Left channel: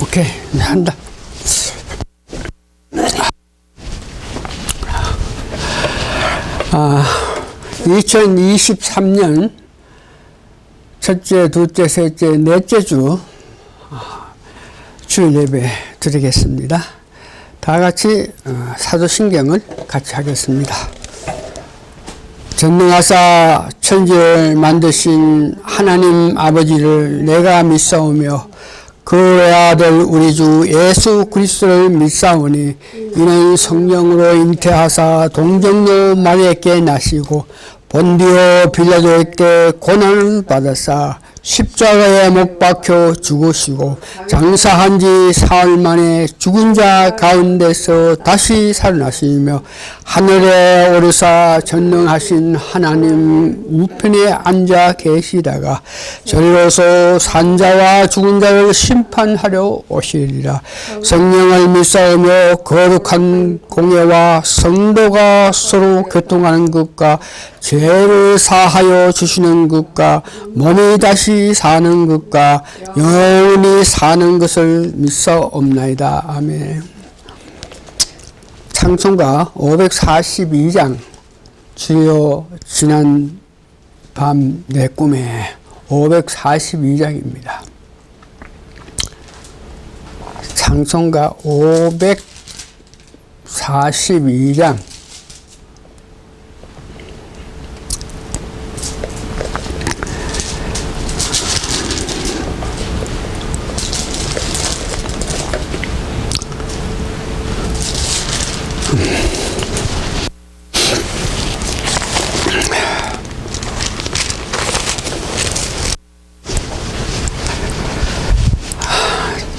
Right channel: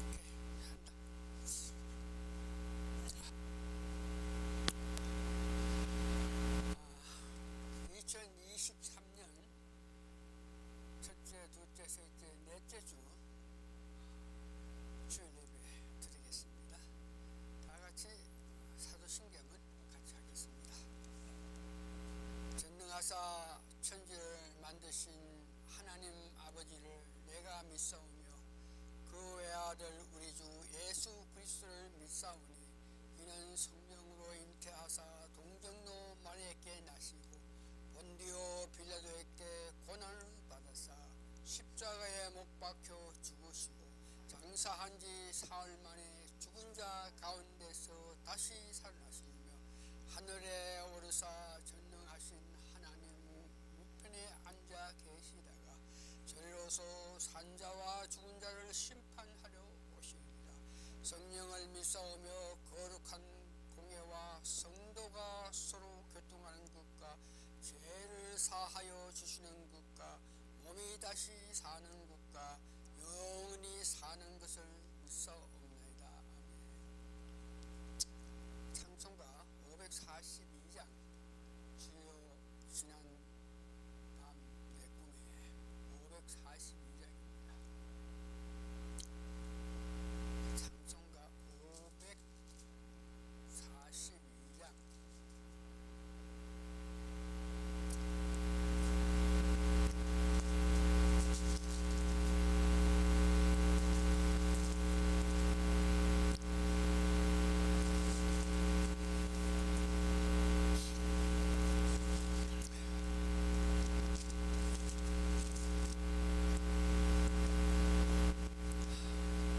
오케이, 한다. 2023년 첫째, 둘째, 셋째, 넷째 주 주일 예배 드리겠습니다. 다 같이 사도신경을 같이 하겠습니다. 전능하사 천지를 만드신 하나님 아버지를 내가 믿사오며 그 아들 우리 주 예수 그리스도를 믿사오니 이는 성령으로 잉태하사 동정녀 마리아께 나시고 본디오 빌라도에게 고난을 받으사 십자가에 못 박혀 죽으시고 장사한 지 사흘 만에 죽은 자 가운데서 다시 살아나시며 하늘에 오르사 전능하신 하나님 우편에 앉아 계시다가 저리로서 산자와 죽은 자를 심판하려 오시리라. 성령을 믿사오며 거룩한 공예와 성도가 서로 교통하는 것과 죄를 사하여 주시는 것과 몸이 다시 사는 것과 영원히 사는 것을 믿사옵나이다. 아멘. 찬송가 542장 주여 지난 밤 내 꿈에 542장입니다. 찬송가 542장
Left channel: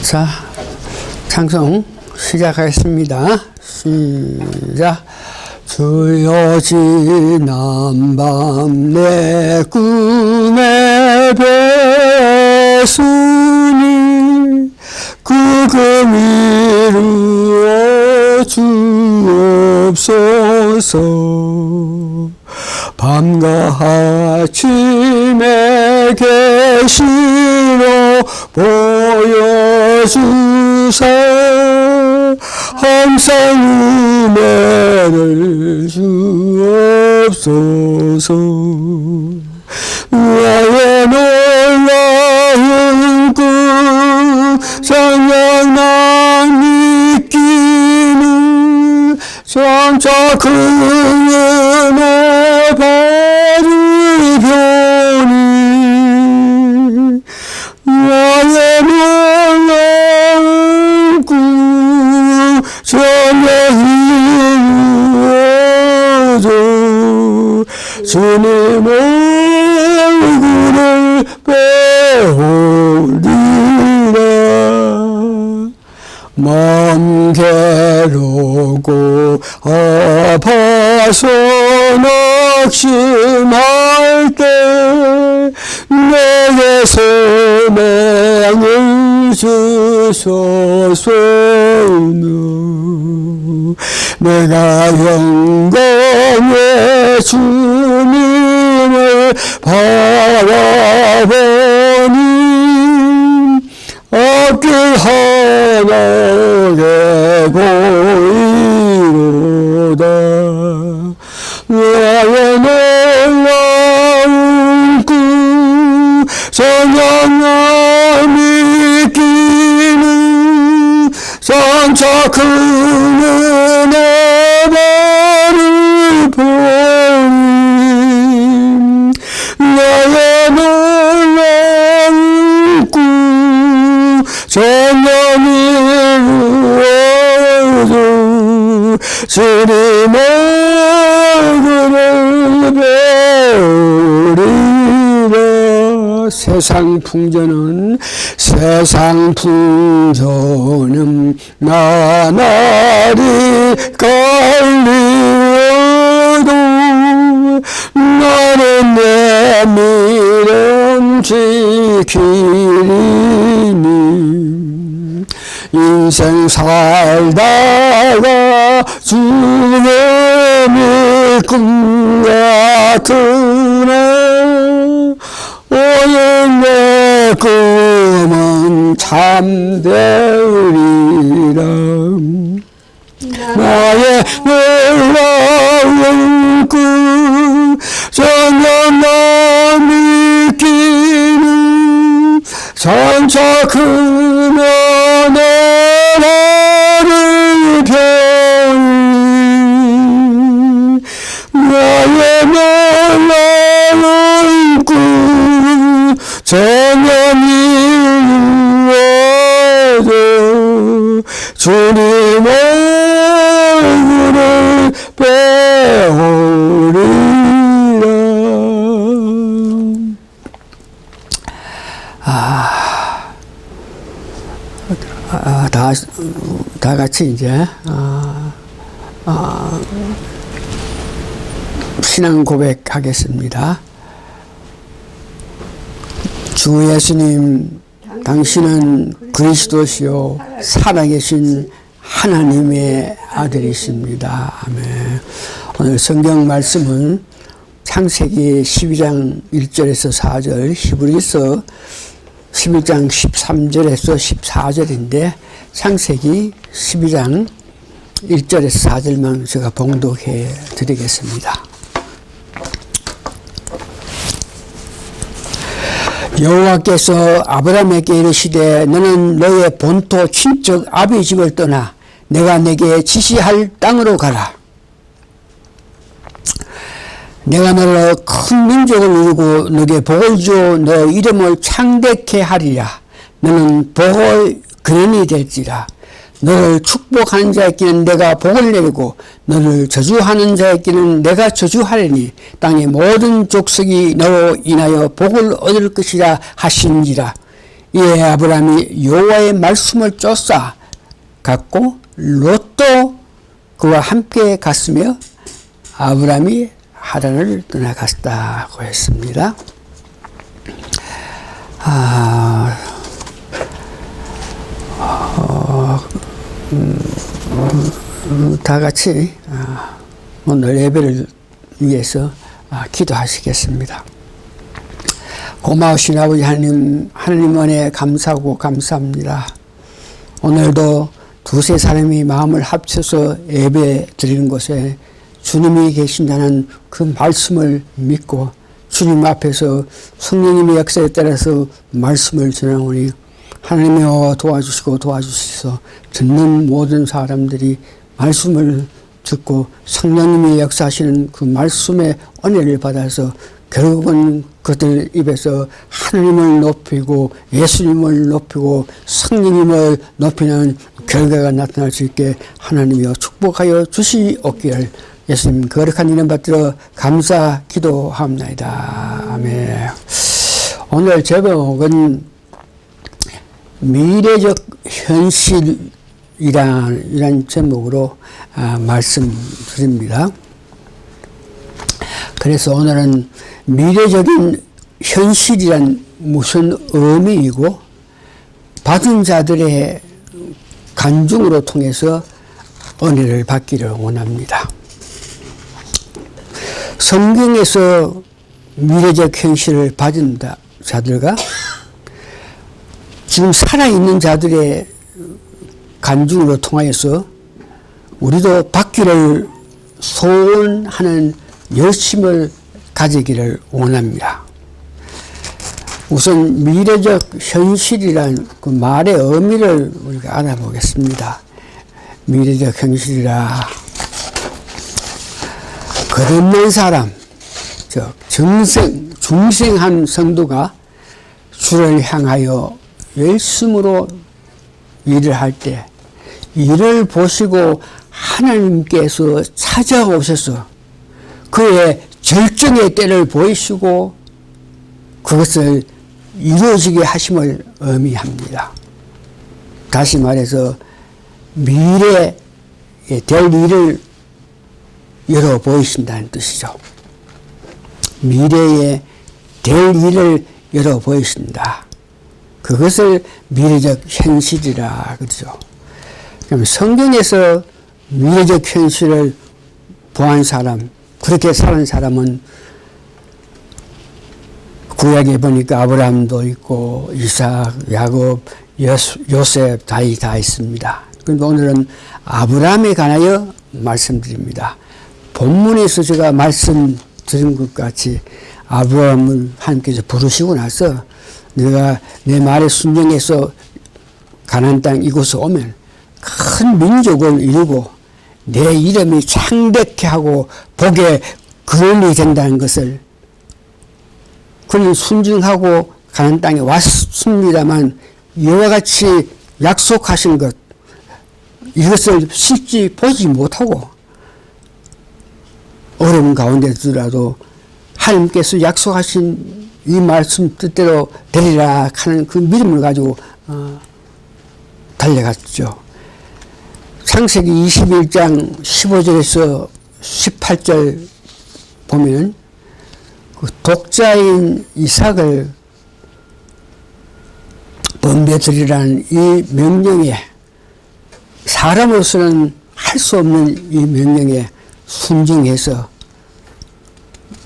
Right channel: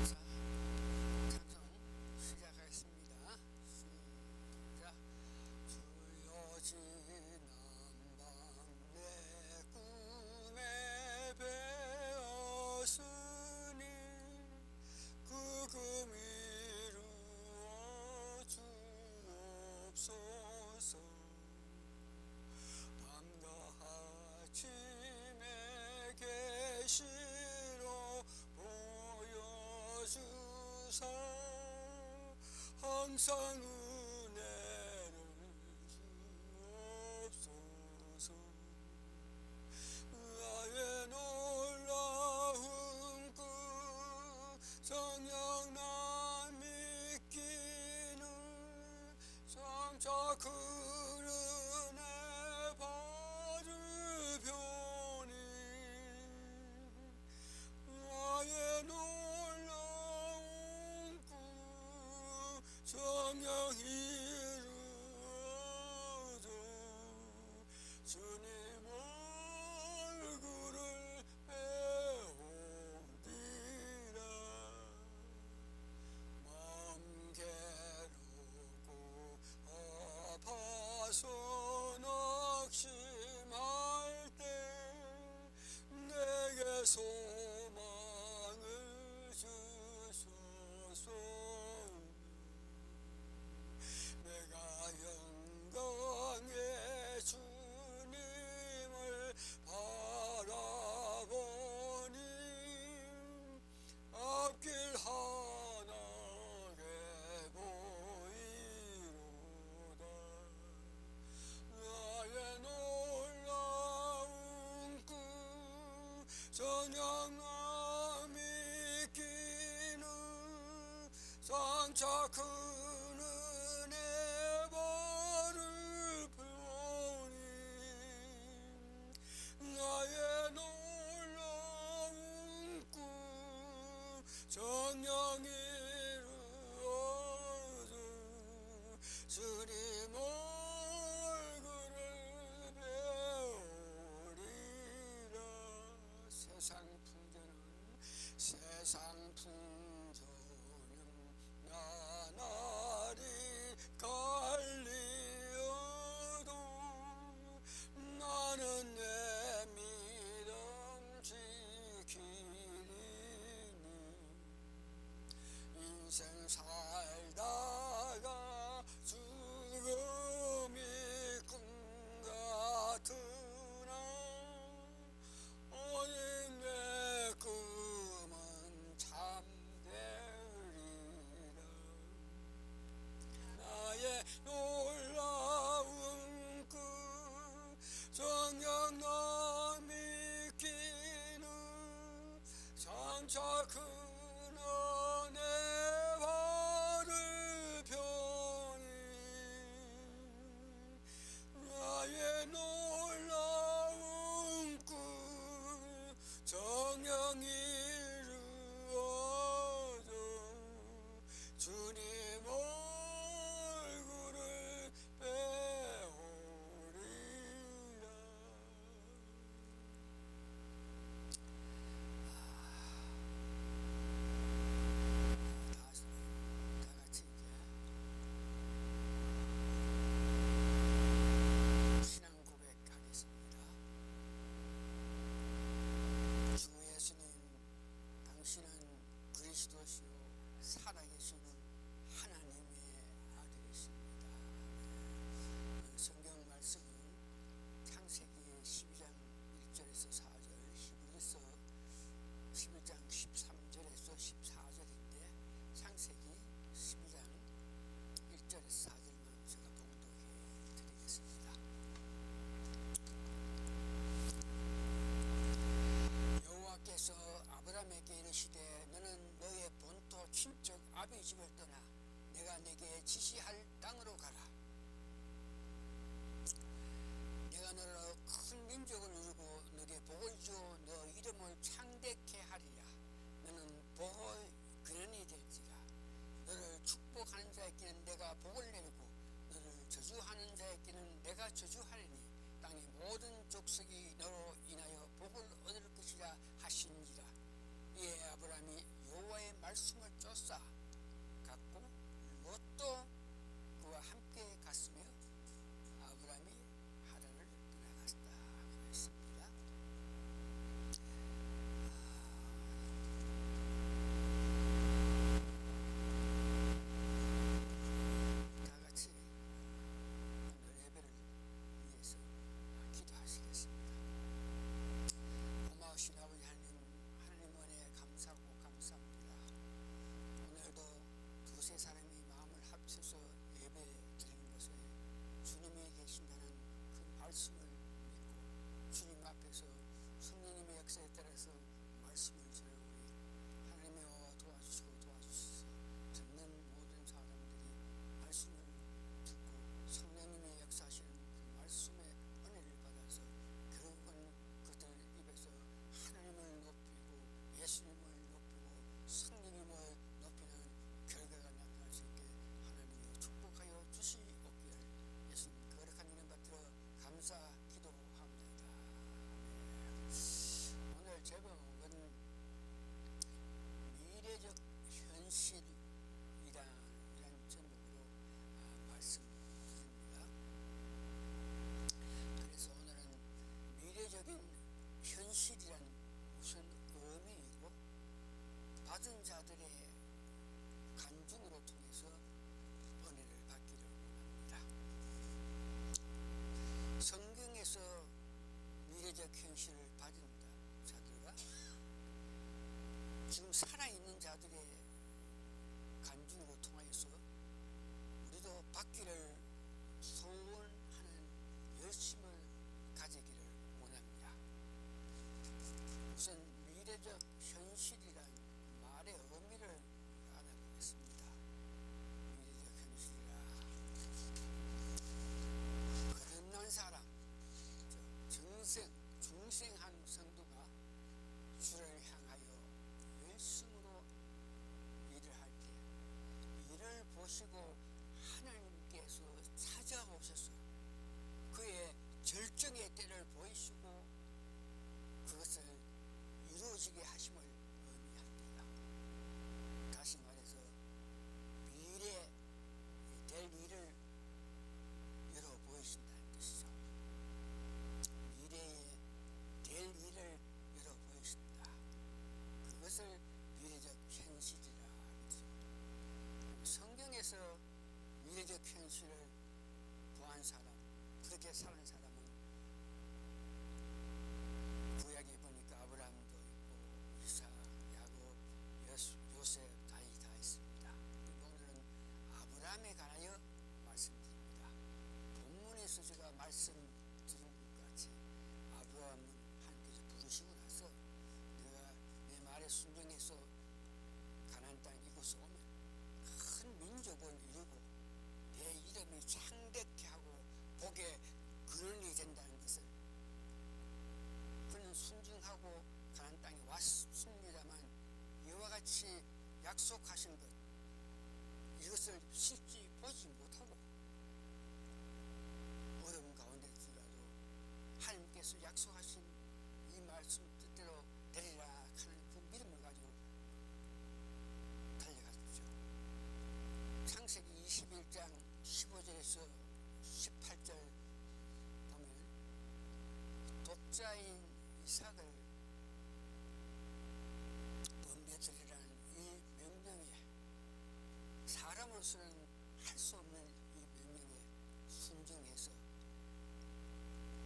자, 찬송 시작하겠습니다. 시작. 주여 지난 밤 내 꿈에 뵈었으니 그 금 이루어 주옵소서. 밤과 아침에 계시로 보여주사 항상 은혜를 주옵소서. 나의 놀라운 꿈 정녕 난 믿기는 점차 그 은혜 받을 편이 나의 놀라운 꿈 전혀 이루어져 주님 얼굴을 배우리라. 마음 괴롭고 아파서 낙심할 때 내게 소망을 주소서. 내가 영광의 주님을 바라보니 앞길 하나게 보이로다. 나의 놀라운 꿈 정녕 믿기는 장차 그 은혜 받을 보니 나의 놀라운 꿈 정녕 이루어져 주님 얼굴을 배우리라. 세상 풍조는 나날이 깔리어도 나는 내 미련 지키리니. 인생 살다가 주님의 꿈 같으나 오늘 내 꿈은 참되리라. 나의 놀라운 꿈 전혀 나 느끼는 선차 크며 내 나를 편히 나의 놀라운 꿈 전혀 이루어져 주님 얼굴을 배우리라. 다 같이 이제 신앙 고백하겠습니다. 주 예수님, 당신은 그리스도시요 살아계신 하나님의 아들이십니다. 아멘. 오늘 성경 말씀은 창세기 12장 1절에서 4절, 히브리서 11장 13절에서 14절인데 창세기 12장 1절에서 4절만 제가 봉독해 드리겠습니다. 여호와께서 아브라함에게 이르시되 너는 너의 본토 친척 아비 집을 떠나 내가 내게 지시할 땅으로 가라. 내가 너를 큰 민족을 이루고 너에게 복을 주어 너 이름을 창대케 하리라. 너는 복의 근원이 될지라. 너를 축복하는 자에게는 내가 복을 내리고 너를 저주하는 자에게는 내가 저주하리니 땅의 모든 족속이 너로 인하여 복을 얻을 것이라 하신지라. 이에 아브라함이 여호와의 말씀을 쫓아 갔고 롯도 그와 함께 갔으며 아브라함이 하란을 떠나갔다고 했습니다. 다 같이 오늘 예배를 위해서 기도하시겠습니다. 고마우신 아버지 하나님 은혜 감사하고 감사합니다. 오늘도 두세 사람이 마음을 합쳐서 예배 드리는 곳에 주님이 계신다는 그 말씀을 믿고 주님 앞에서 성령님의 역사에 따라서 말씀을 전하오니 하나님이여 도와주시고 도와주시소. 듣는 모든 사람들이 말씀을 듣고 성령님이 역사하시는 그 말씀의 은혜를 받아서 결국은 그들 입에서 하나님을 높이고 예수님을 높이고 성령님을 높이는 결과가 나타날 수 있게 하나님이여 축복하여 주시옵기를 예수님 거룩한 이름 받들어 감사 기도합니다. 아멘. 오늘 제목은 미래적 현실이란 제목으로 말씀드립니다. 그래서 오늘은 미래적인 현실이란 무슨 의미이고 받은 자들의 간증으로 통해서 은혜를 받기를 원합니다. 성경에서 미래적 현실을 받은 자들과 지금 살아있는 자들의 간증으로 통하여서 우리도 받기를 소원하는 열심을 가지기를 원합니다. 우선 미래적 현실이란 그 말의 의미를 우리가 알아보겠습니다. 미래적 현실이라 거듭난 사람, 즉 중생한 성도가 주를 향하여 열심으로 일을 할 때 이를 보시고 하나님께서 찾아오셔서 그의 절정의 때를 보이시고 그것을 이루어지게 하심을 의미합니다. 다시 말해서 미래에 될 일을 열어 보이신다는 뜻이죠. 미래에 될 일을 열어 보이신다. 그것을 미래적 현실이라 그러죠. 그럼 성경에서 미래적 현실을 보한 사람, 그렇게 사는 사람은 구약에 보니까 아브라함도 있고 이삭, 야곱, 요셉 다 있습니다. 그런데 오늘은 아브라함에 관하여 말씀드립니다. 본문에서 제가 말씀드린 것 같이 아브라함을 하나님께서 부르시고 나서 내가 내 말에 순종해서 가나안 땅 이곳에 오면 큰 민족을 이루고 내 이름이 창대케 하고 복의 근원이 된다는 것을, 그는 순종하고 가나안 땅에 왔습니다만 이와 같이 약속하신 것, 이것을 실제 보지 못하고 어려운 가운데서라도 하나님께서 약속하신 이 말씀 뜻대로 되리라 하는 그 믿음을 가지고 달려갔죠. 창세기 21장 15절에서 18절 보면 그 독자인 이삭을 번배드리라는 이 명령에, 사람으로서는 할 수 없는 이 명령에 순종해서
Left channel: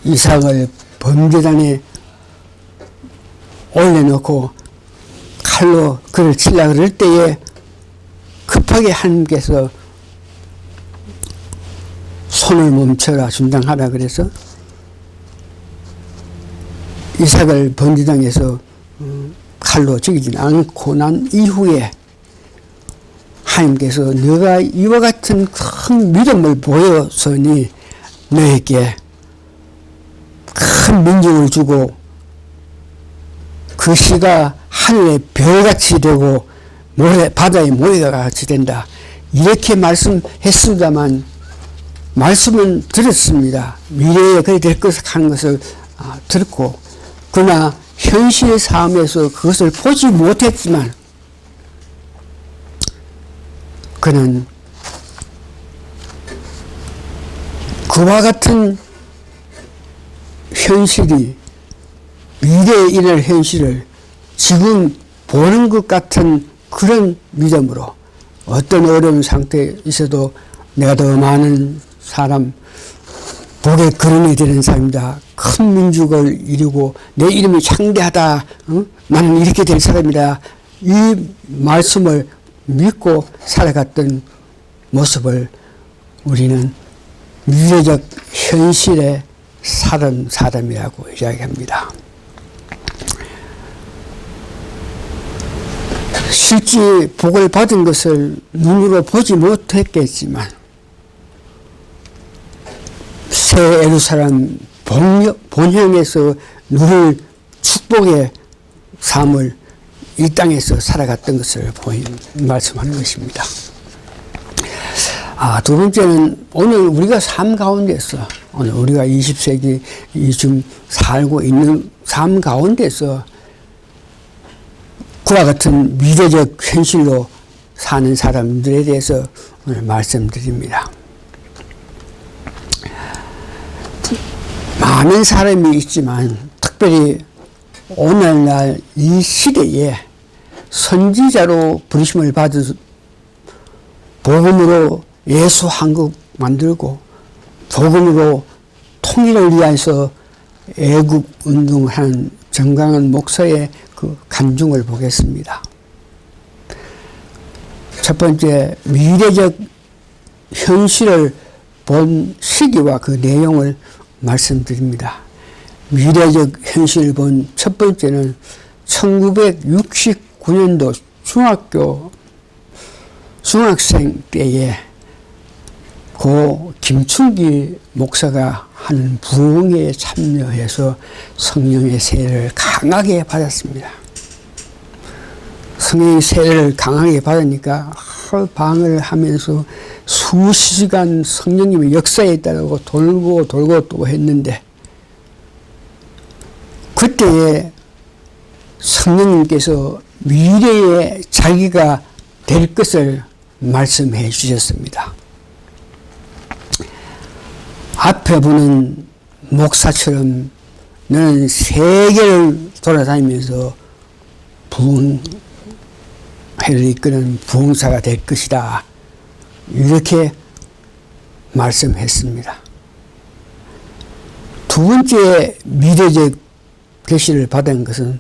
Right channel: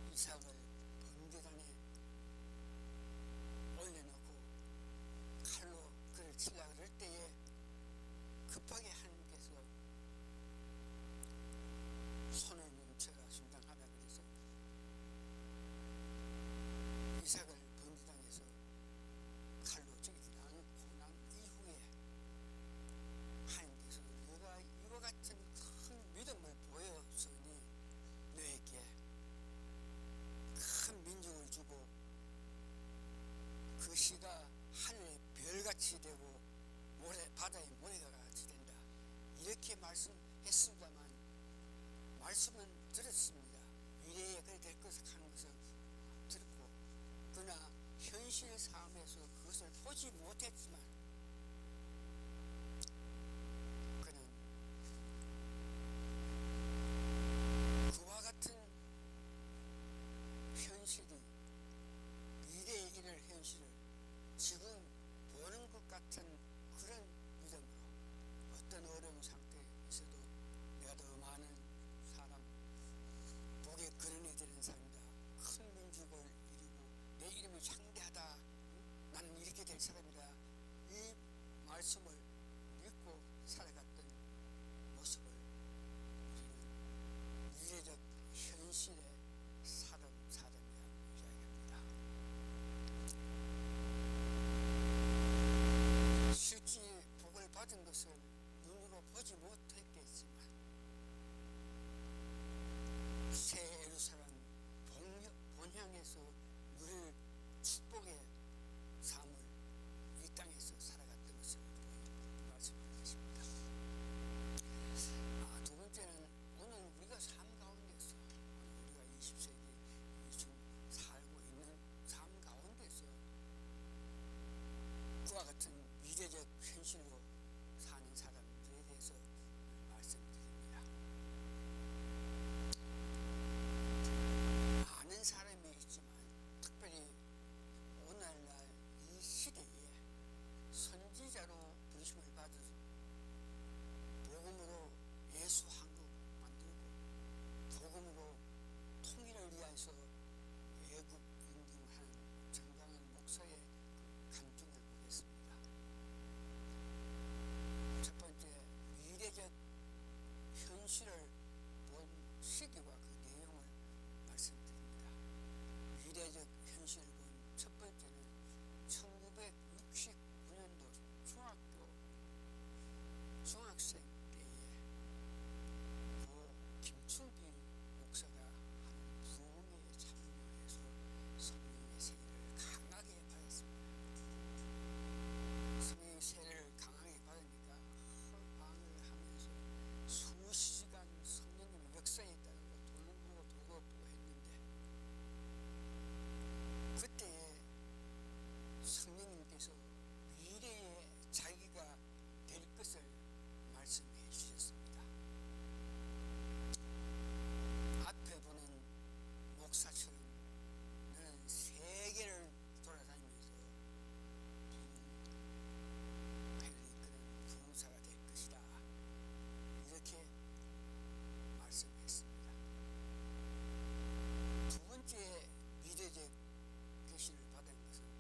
이삭을 번제단에 올려놓고 칼로 그를 치려고 그럴 때에 급하게 하나님께서 손을 멈춰라, 중단하라 그래서 이삭을 번제단에서 칼로 죽이지 않고 난 이후에 하나님께서 너가 이와 같은 큰 믿음을 보였으니 너에게 큰 민족을 주고 그 씨가 하늘의 별같이 되고 바다의 모래가 같이 된다. 이렇게 말씀했습니다만 말씀은 들었습니다. 미래에 그렇게 될 것을 하는 것을 들었고, 그러나 현실의 삶에서 그것을 보지 못했지만 그는 그와 같은 현실이, 미래에 일어날 현실을 지금 보는 것 같은 그런 믿음으로 어떤 어려운 상태에 있어도 내가 더 많은 사람, 복의 근원이 되는 사람이다. 큰 민족을 이루고 내 이름이 창대하다. 나는 이렇게 될 사람이다. 이 말씀을 믿고 살아갔던 모습을 우리는 미래적 현실에 사는 사람이라고 이야기합니다. 실제 복을 받은 것을 눈으로 보지 못했겠지만 새 예루살렘 본향에서 누릴 축복의 삶을 이 땅에서 살아갔던 것을 말씀하는 것입니다. 두 번째는 오늘 우리가 삶 가운데서, 오늘 우리가 20세기 지금 살고 있는 삶 가운데서 그와 같은 미래적 현실로 사는 사람들에 대해서 오늘 말씀드립니다. 많은 사람이 있지만 특별히 오늘날 이 시대에 선지자로 부르심을 받은 복음으로 예수 한국 만들고 복음으로 통일을 위해서 애국 운동을 하는 정강은 목사의 그 간증을 보겠습니다. 첫 번째, 미래적 현실을 본 시기와 그 내용을 말씀드립니다. 미래적 현실을 본 첫 번째는 1969년도 중학생 때에 고 김충기 목사가 하는 부흥회에 참여해서 성령의 세례를 강하게 받았습니다. 성령의 세례를 강하게 받으니까 방을 하면서 수시간 성령님의 역사에 있다고 돌고 또 했는데, 그때에 성령님께서 미래에 자기가 될 것을 말씀해 주셨습니다. 앞에 보는 목사처럼 너는 세계를 돌아다니면서 부흥회를 이끄는 부흥사가 될 것이다. 이렇게 말씀했습니다. 두 번째 미래적 계시를 받은 것은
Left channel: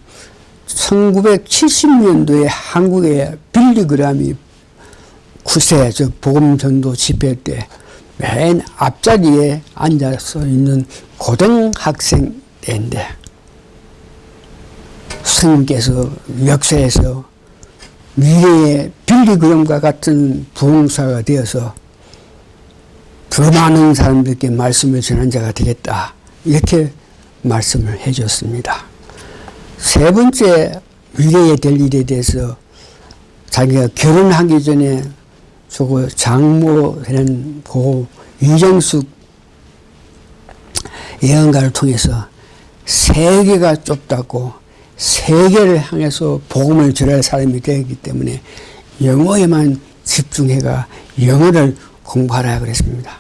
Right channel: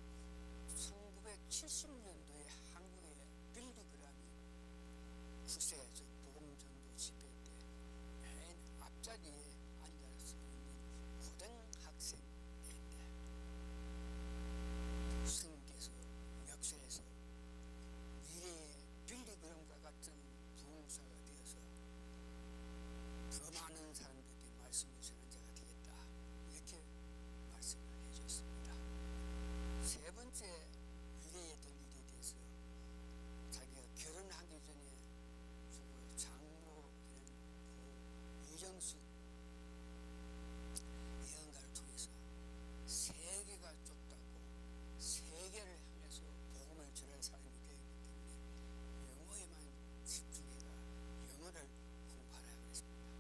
1970년도에 한국의 빌리그램이 9세 즉 복음전도 집회 때 맨 앞자리에 앉아서 있는 고등학생 때인데 스님께서 역사에서 미래의 빌리그램과 같은 부흥사가 되어서 더 많은 사람들께 말씀을 전한 자가 되겠다 이렇게 말씀을 해줬습니다. 세 번째 미래에 될 일에 대해서 자기가 결혼하기 전에 저거 장모되는 고 이정숙 예언가를 통해서 세계가 좁다고 세계를 향해서 복음을 전할 사람이 되기 때문에 영어에만 집중해가 영어를 공부하라 그랬습니다.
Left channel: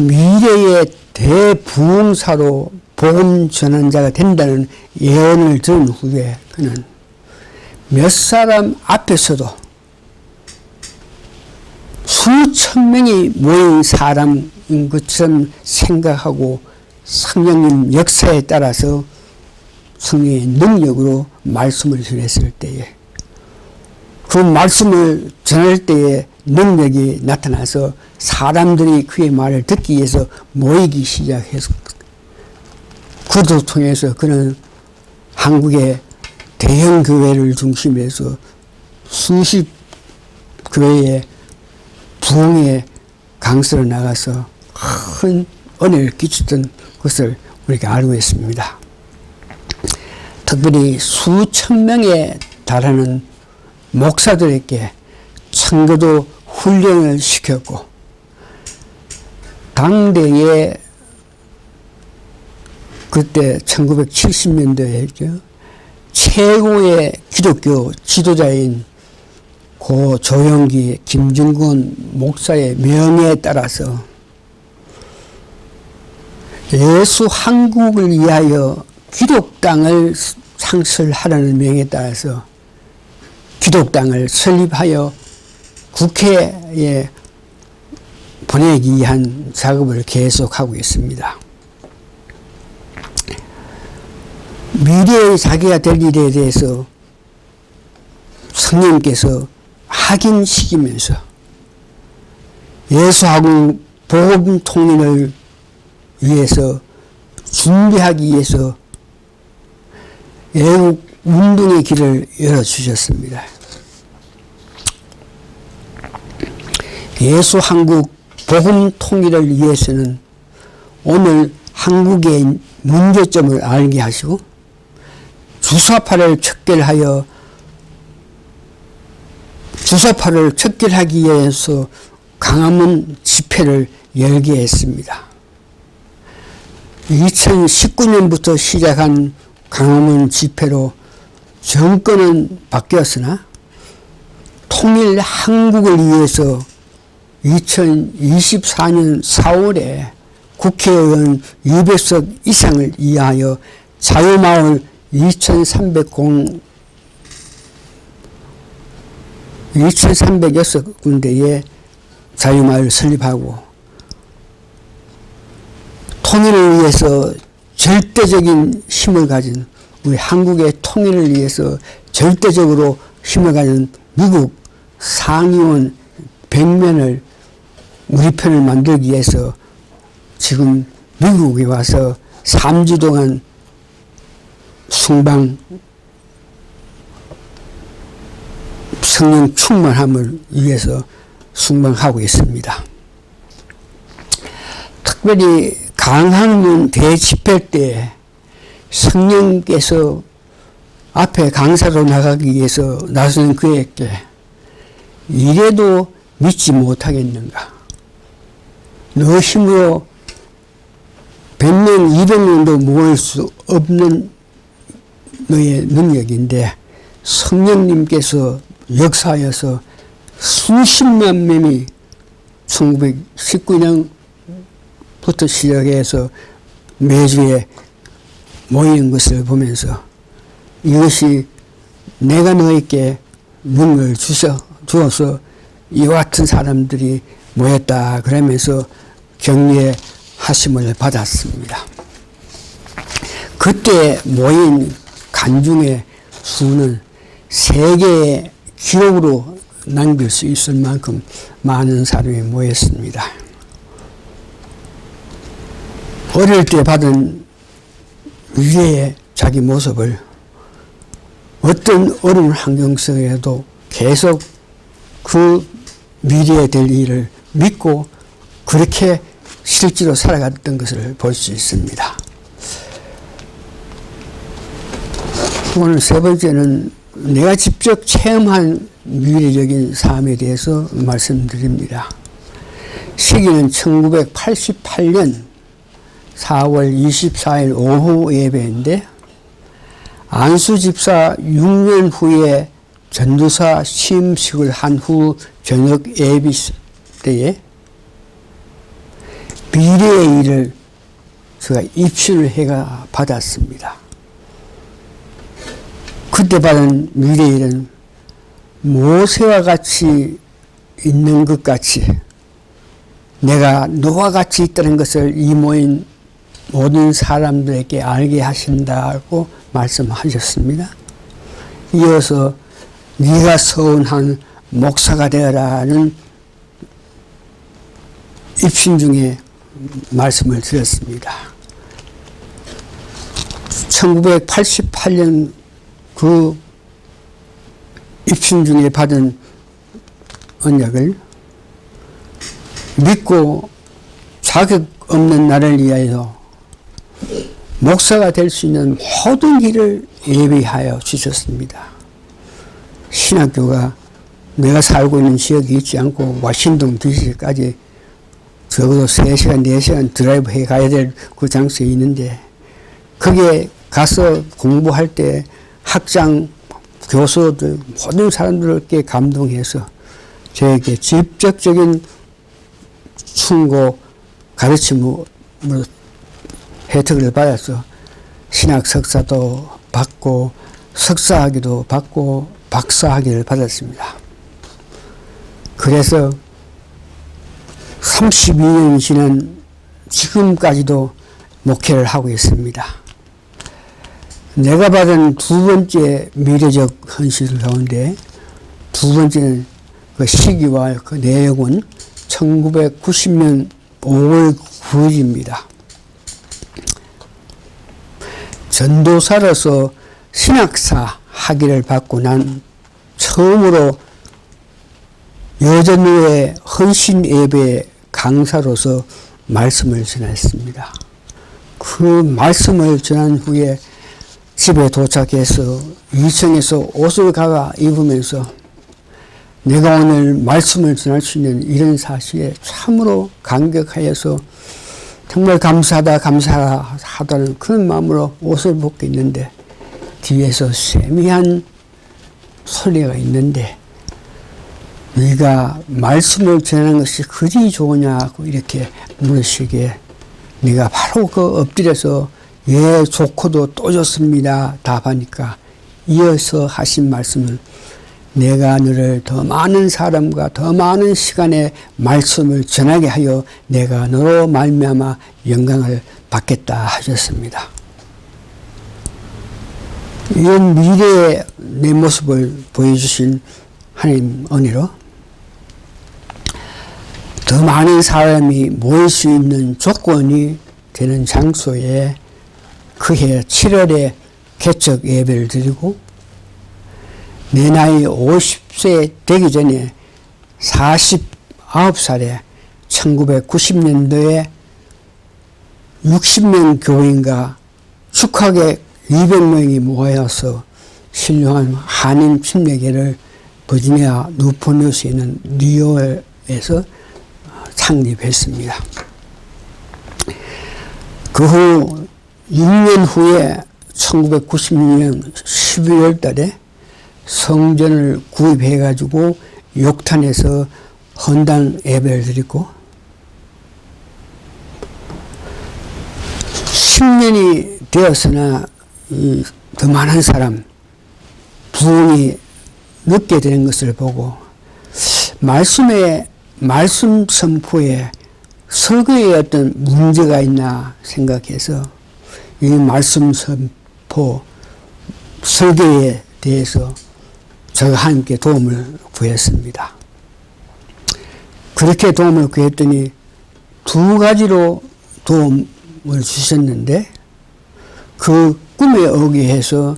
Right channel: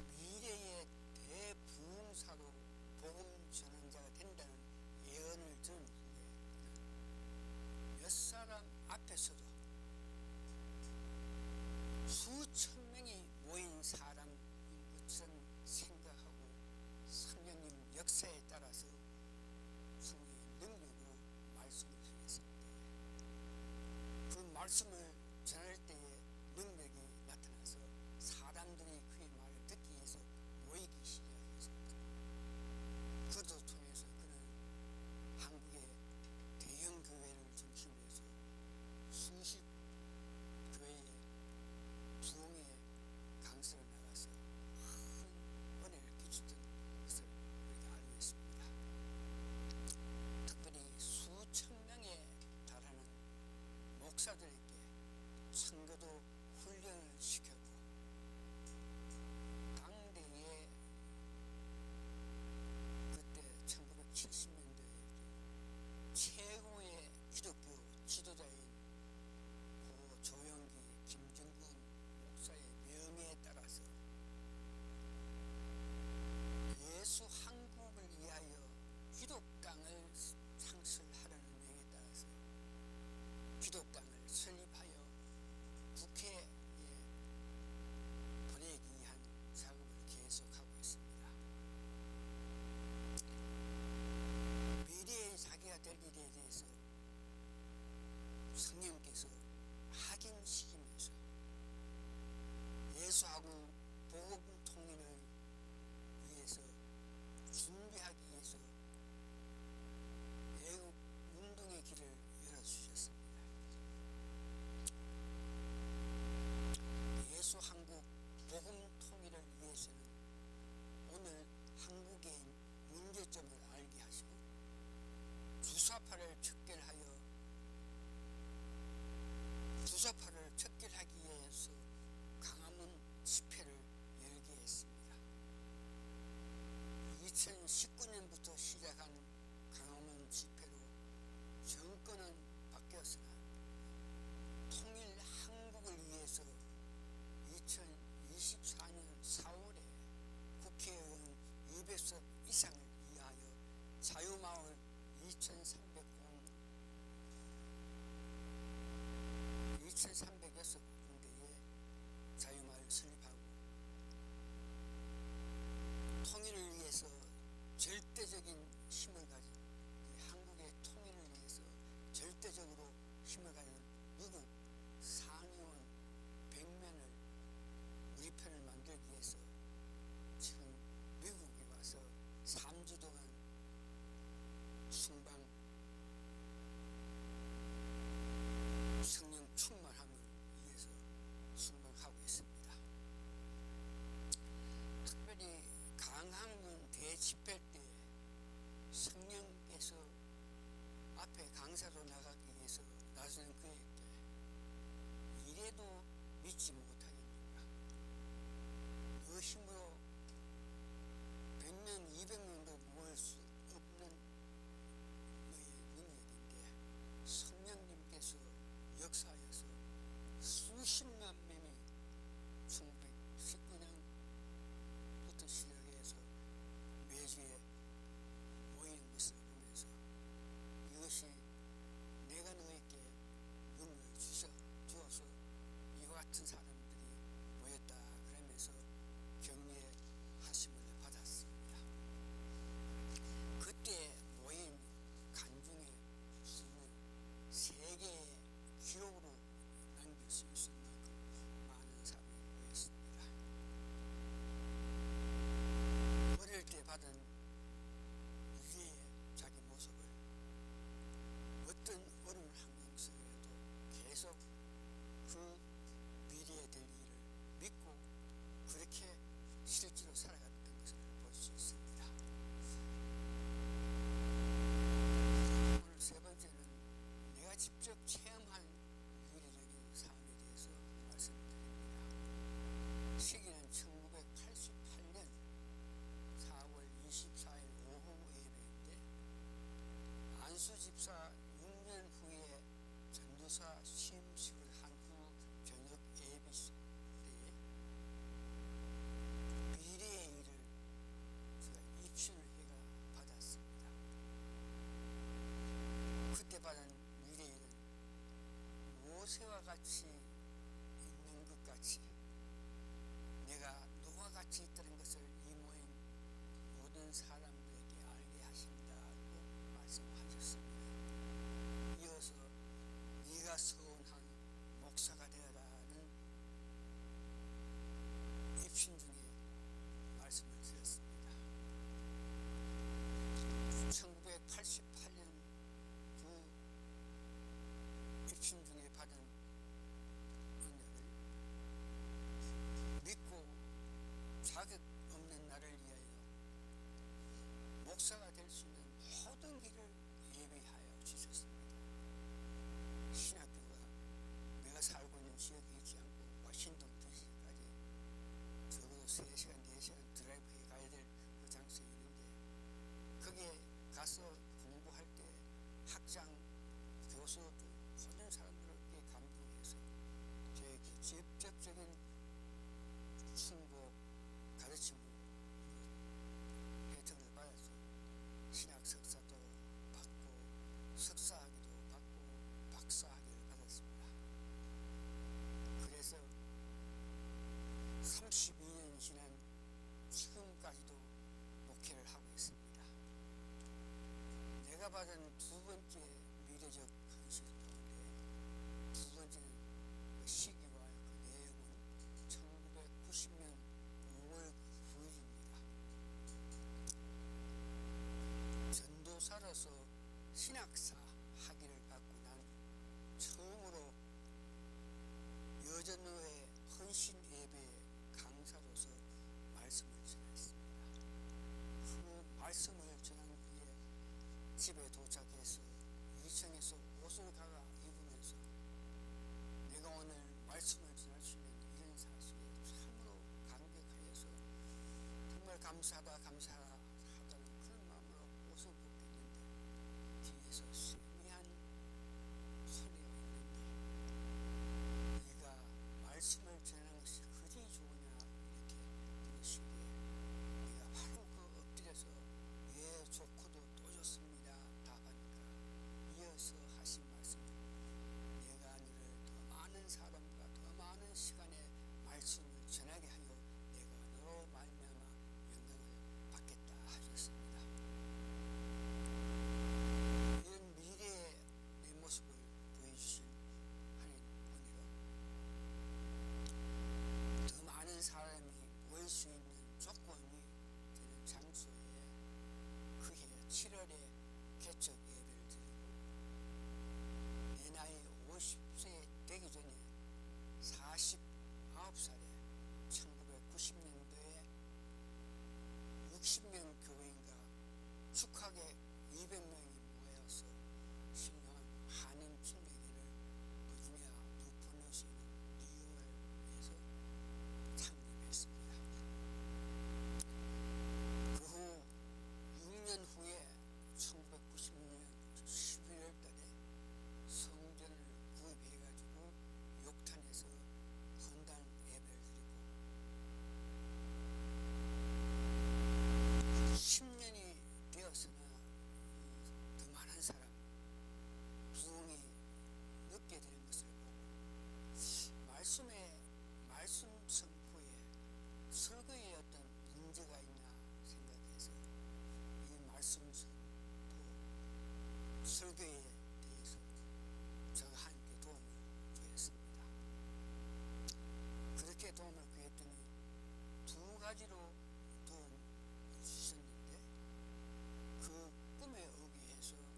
미래의 대부흥사로 복음 전환자가 된다는 예언을 들은 후에 그는 몇 사람 앞에서도 수천 명이 모인 사람인 것처럼 생각하고 성령님 역사에 따라서 성령의 능력으로 말씀을 전했을 때에 그 말씀을 전할 때에 능력이 나타나서 사람들이 그의 말을 듣기 위해서 모이기 시작해서 그것을 통해서 그는 한국의 대형 교회를 중심해서 수십 교회에 부흥의 강서로 나가서 큰 은혜를 끼쳤던 것을 우리가 알고 있습니다. 특별히 수천 명에 달하는 목사들에게 청교도 훈련을 시켰고 당대에 그때 1970년대에 최고의 기독교 지도자인 고 조영기, 김중근 목사의 명예에 따라서 예수 한국을 위하여 기독당을 창설하라는 명에 따라서 기독당을 설립하여 국회에 보내기 위한 작업을 계속하고 있습니다. 미래의 자기가 될 일에 대해서 성령께서 확인시키면서 예수하고 복음 통일을 위해서 준비하기 위해서 애국 운동의 길을 열어주셨습니다. 예수 한국 복음 통일을 위해서는 오늘 한국의 문제점을 알게 하시고 주사파를 척결하기 위해서 광화문 집회를 열게 했습니다. 2019년부터 시작한 광화문 집회로 정권은 바뀌었으나 통일 한국을 위해서 2024년 4월에 국회의원 200석 이상을 위하여 자유마을 2,306군데에 자유마을을 설립하고 통일을 위해서 절대적인 힘을 가진 우리 한국의 통일을 위해서 절대적으로 힘을 가진 미국 상의원 100명을 우리 편을 만들기 위해서 지금 미국에 와서 3주 동안 성령 충만함을 위해서 순방하고 있습니다. 특별히 강학문 대집회 때 성령께서 앞에 강사로 나가기 위해서 나서는 그에게 이래도 믿지 못하겠는가? 너 힘으로 100명, 200명도 모을 수 없는 너의 능력인데 성령님께서 역사하여서 수십만 명이 1919년부터 시작해서 매주에 모이는 것을 보면서 이것이 내가 너에게 능력을 주어서 이와 같은 사람들이 모였다 그러면서 격려의 하심을 받았습니다. 그때 모인 관중의 수는 세계의 기록으로 남길 수 있을 만큼 많은 사람이 모였습니다. 어릴 때 받은 미래의 자기 모습을 어떤 어려운 환경 속에도 계속 그 미래에 될 일을 믿고 그렇게 실제로 살아갔던 것을 볼 수 있습니다. 오늘 세 번째는 내가 직접 체험한 미래적인 삶에 대해서 말씀드립니다. 시기는 1988년 4월 24일 오후 예배인데 안수 집사 6년 후에 전도사 시임식을 한 후 저녁 예비 때에 미래의 일을 제가 입술을 해가 받았습니다. 그때 받은 미래의 일은 모세와 같이 있는 것 같이 내가 너와 같이 있다는 것을 이 모인 모든 사람들에게 알게 하신다고 말씀하셨습니다. 이어서 네가 서운한 목사가 되어라는 입신 중에 말씀을 드렸습니다. 1988년 그 입신 중에 받은 언약을 믿고 자격 없는 나를 위하여 목사가 될 수 있는 모든 길을 예비하여 주셨습니다. 신학교가 내가 살고 있는 지역이 있지 않고 워싱턴 DC까지 적어도 3시간, 4시간 드라이브 해 가야 될 그 장소에 있는데 거기에 가서 공부할 때 학장, 교수들, 모든 사람들께 감동해서 저에게 직접적인 충고, 가르침으로 혜택을 받아서 신학 석사도 받고 석사학위도 받고 박사학위를 받았습니다. 그래서 32년이 지난 지금까지도 목회를 하고 있습니다. 내가 받은 두 번째 미래적 현실 가운데 두 번째는 그 시기와 그 내용은 1990년 5월 9일입니다. 전도사로서 신학사 학위를 받고 난 처음으로 여전후의 헌신 예배 강사로서 말씀을 전했습니다. 그 말씀을 전한 후에 집에 도착해서 2층에서 옷을 갈아 입으면서 내가 오늘 말씀을 전할 수 있는 이런 사실에 참으로 감격하여서 정말 감사하다는 그런 마음으로 옷을 벗고 있는데 뒤에서 세미한 소리가 있는데 네가 말씀을 전하는 것이 그리 좋으냐고 이렇게 물으시기에 네가 바로 그 엎드려서 예 좋고도 또 좋습니다 답하니까 이어서 하신 말씀은 내가 너를 더 많은 사람과 더 많은 시간에 말씀을 전하게 하여 내가 너로 말미암아 영광을 받겠다 하셨습니다. 이런 미래의 내 모습을 보여주신 하나님 은혜로 더 많은 사람이 모일 수 있는 조건이 되는 장소에 그해 7월에 개척 예배를 드리고 내 나이 50세 되기 전에 49살에 1990년도에 60명 교인과 축하객 200명이 모여서 신령한 한인 침례교회를 버지니아 뉴포뉴스에 있는 뉴욕에서 창립했습니다. 그 후 6년 후에 1996년 12월 달에 성전을 구입해가지고 욕탄에서 헌당 예배를 드리고 10년이 되었으나 더 많은 사람 부흥이 늦게 되는 것을 보고 말씀 선포에 설교에 어떤 문제가 있나 생각해서 이 말씀 선포 설계에 대해서 저와 함께 도움을 구했습니다. 그렇게 도움을 구했더니 두 가지로 도움을 주셨는데 그 꿈에 의해서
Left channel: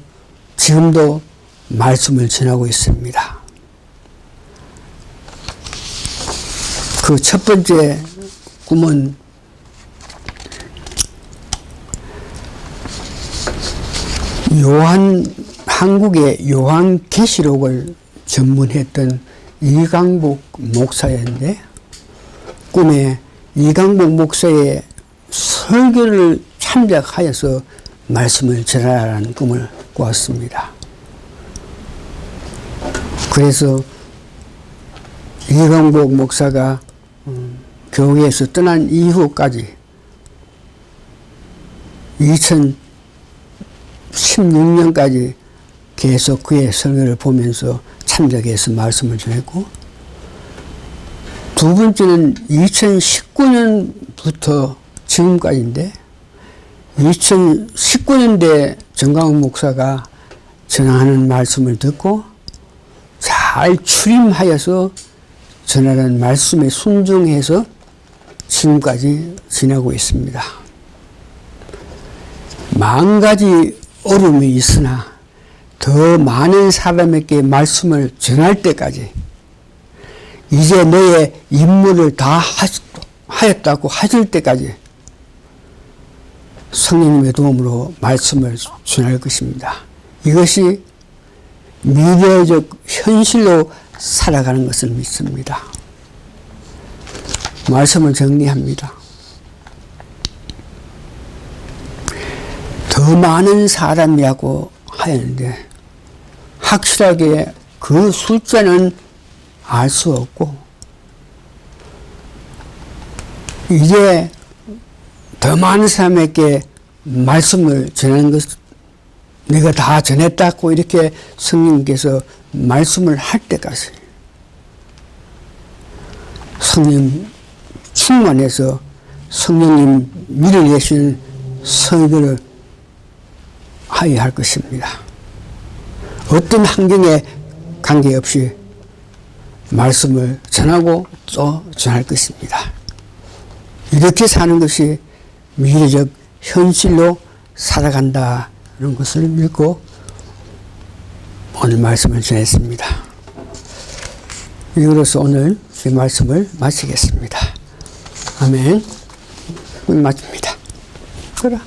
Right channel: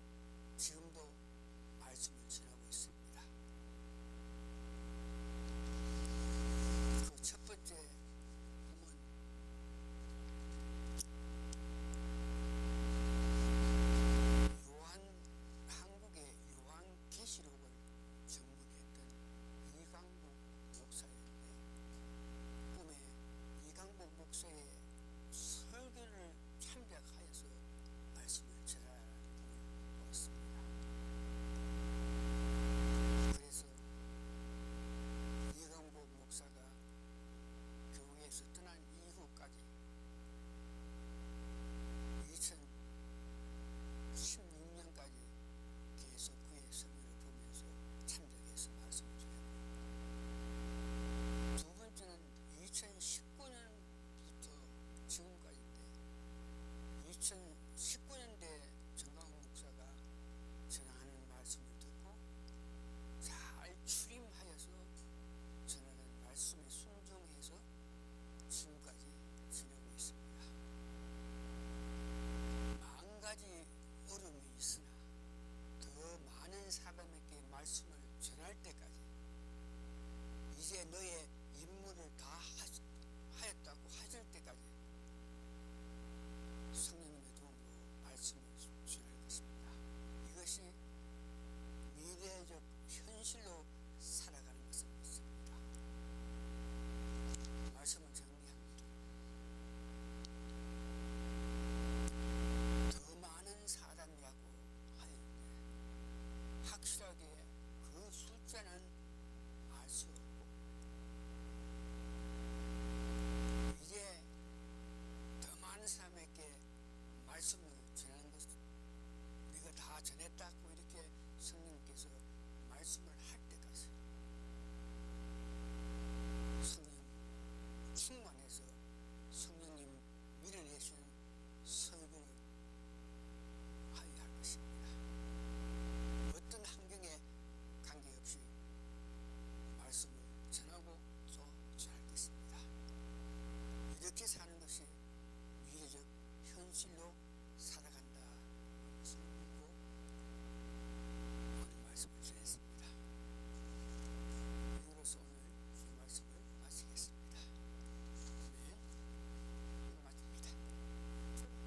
지금도 말씀을 전하고 있습니다. 그 첫 번째 꿈은 한국의 요한계시록을 전문했던 이강복 목사였는데 꿈에 이강복 목사의 설교를 참작하여서 말씀을 전하라는 꿈을 꾸었습니다. 그래서 이강복 목사가 교회에서 떠난 이후까지 2016년까지 계속 그의 설교를 보면서 참작해서 말씀을 전했고, 두 번째는 2019년부터 지금까지인데 2019년대 정강훈 목사가 전하는 말씀을 듣고 잘 출임하여서 전하는 말씀에 순종해서 지금까지 지나고 있습니다. 만 가지 어려움이 있으나 더 많은 사람에게 말씀을 전할 때까지 이제 너의 임무를 다 하였다고 하실 때까지 성령님의 도움으로 말씀을 전할 것입니다. 이것이 미래적 현실로 살아가는 것을 믿습니다. 말씀을 정리합니다. 더 많은 사람이라고 하였는데 확실하게 그 숫자는 알 수 없고, 이제 더 많은 사람에게 말씀을 전하는 것, 내가 다 전했다고 이렇게 성령님께서 말씀을 할 때까지 성령 충만해서 성령님 밀어내시는 설교를 하여야 할 것입니다. 어떤 환경에 관계없이 말씀을 전하고 또 전할 것입니다. 이렇게 사는 것이 미래적 현실로 살아간다는 것을 믿고 오늘 말씀을 전했습니다. 이로써 오늘 제 말씀을 마치겠습니다. 아멘. 마칩니다. 그래.